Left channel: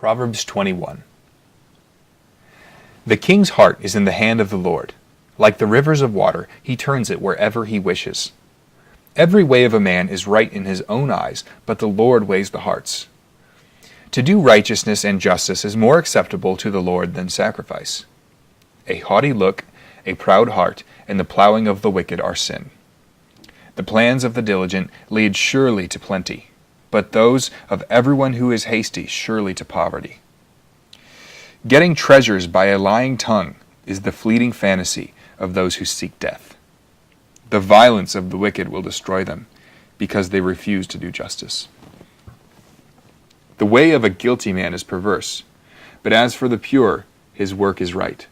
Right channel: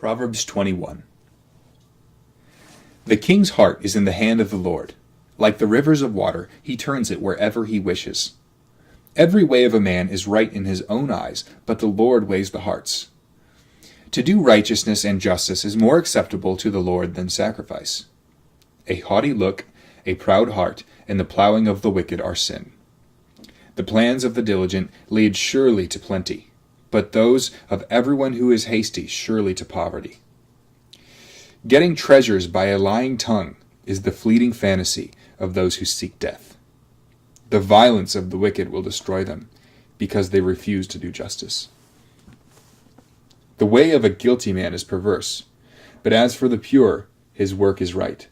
Proverbs 21. The king's heart is in the hand of the Lord. Like the rivers of water, he turns it wherever he wishes. Every way of a man is right in his own eyes, but the Lord weighs the hearts. To do righteousness and justice is more acceptable to the Lord than sacrifice. A haughty look, a proud heart, and the plowing of the wicked are sin. The plans of the diligent lead surely to plenty, but those of everyone who is hasty surely to poverty. Getting treasures by a lying tongue is the fleeting fantasy of those who seek death. The violence of the wicked will destroy them, because they refuse to do justice. The way of a guilty man is perverse, but as for the pure, his work is right.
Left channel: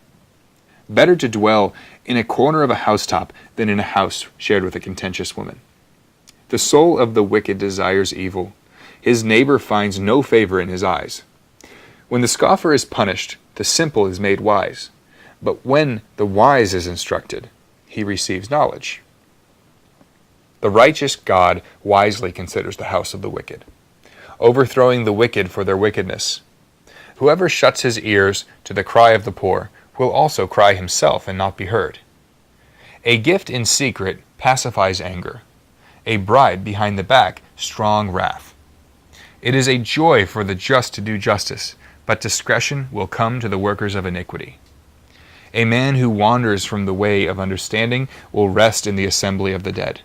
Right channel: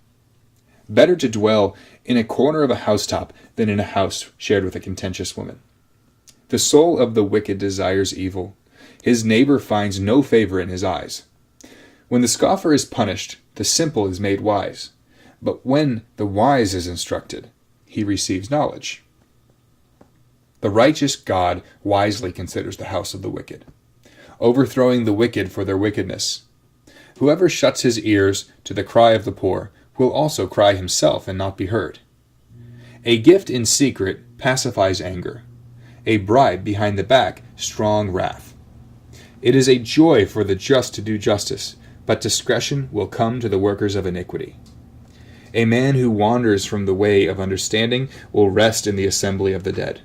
Better to dwell in a corner of a housetop than in a house shared with a contentious woman. The soul of the wicked desires evil. His neighbor finds no favor in his eyes. When the scoffer is punished, the simple is made wise. But when the wise is instructed, he receives knowledge. The righteous God wisely considers the house of the wicked, overthrowing the wicked for their wickedness. Whoever shuts his ears to the cry of the poor will also cry himself and not be heard. A gift in secret pacifies anger. A bribe behind the back, strong wrath. It is a joy for the just to do justice, but discretion will come to the workers of iniquity. A man who wanders from the way of understanding will rest in the assembly of the dead.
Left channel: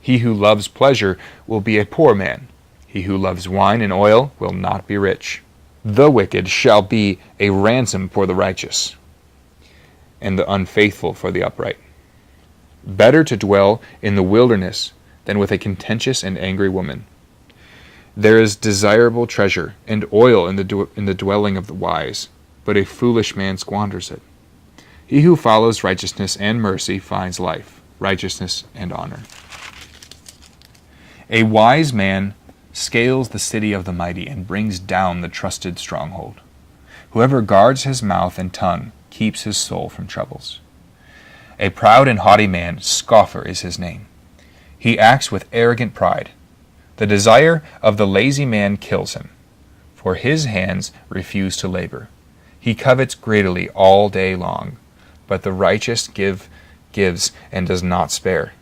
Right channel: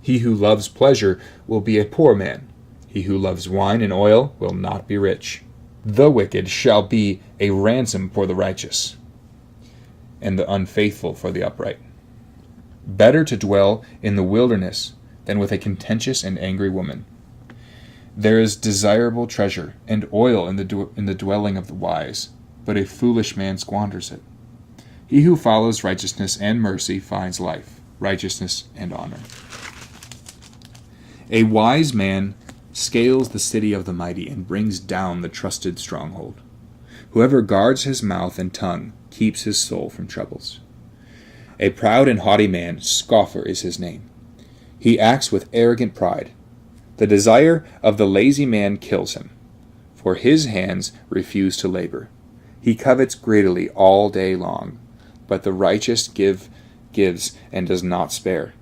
He who loves pleasure will be a poor man. He who loves wine and oil will not be rich. The wicked shall be a ransom for the righteous, and the unfaithful for the upright. Better to dwell in the wilderness than with a contentious and angry woman. There is desirable treasure and oil in the dwelling of the wise, but a foolish man squanders it. He who follows righteousness and mercy finds life, righteousness and honor. A wise man scales the city of the mighty and brings down the trusted stronghold. Whoever guards his mouth and tongue keeps his soul from troubles. A proud and haughty man, scoffer is his name. He acts with arrogant pride. The desire of the lazy man kills him, for his hands refuse to labor. He covets greedily all day long, but the righteous gives and does not spare.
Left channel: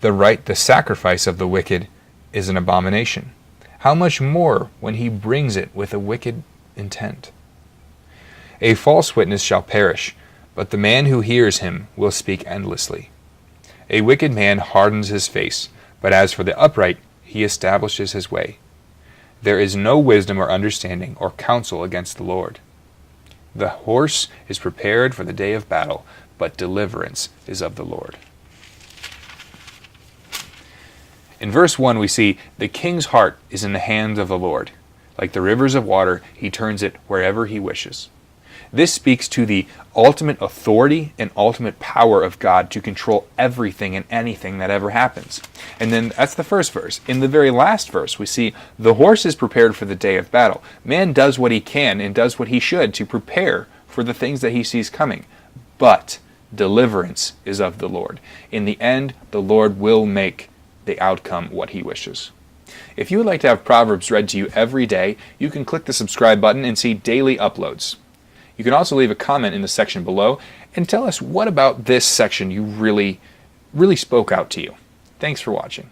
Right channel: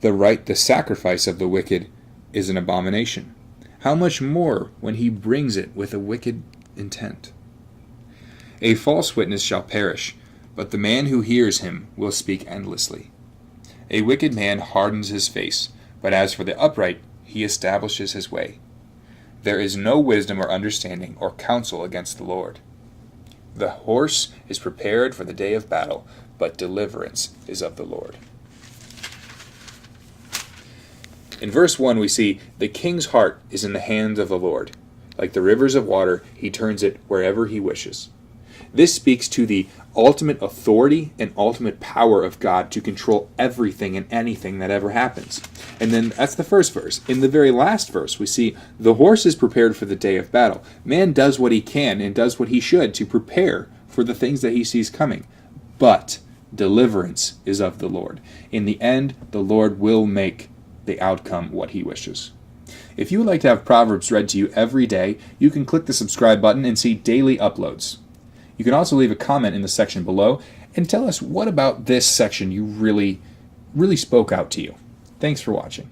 The sacrifice of the wicked is an abomination. How much more when he brings it with a wicked intent? A false witness shall perish, but the man who hears him will speak endlessly. A wicked man hardens his face, but as for the upright, he establishes his way. There is no wisdom or understanding or counsel against the Lord. The horse is prepared for the day of battle, but deliverance is of the Lord. In verse 1 we see, the king's heart is in the hands of the Lord. Like the rivers of water, he turns it wherever he wishes. This speaks to the ultimate authority and ultimate power of God to control everything and anything that ever happens. And then that's the first verse. In the very last verse, we see the horse is prepared for the day of battle. Man does what he can and does what he should to prepare for the things that he sees coming. But deliverance is of the Lord. In the end, the Lord will make the outcome what he wishes. If you would like to have Proverbs read to you every day, you can click the subscribe button and see daily uploads. You can also leave a comment in the section below and tell us what about this section you really spoke out to you. Thanks for watching.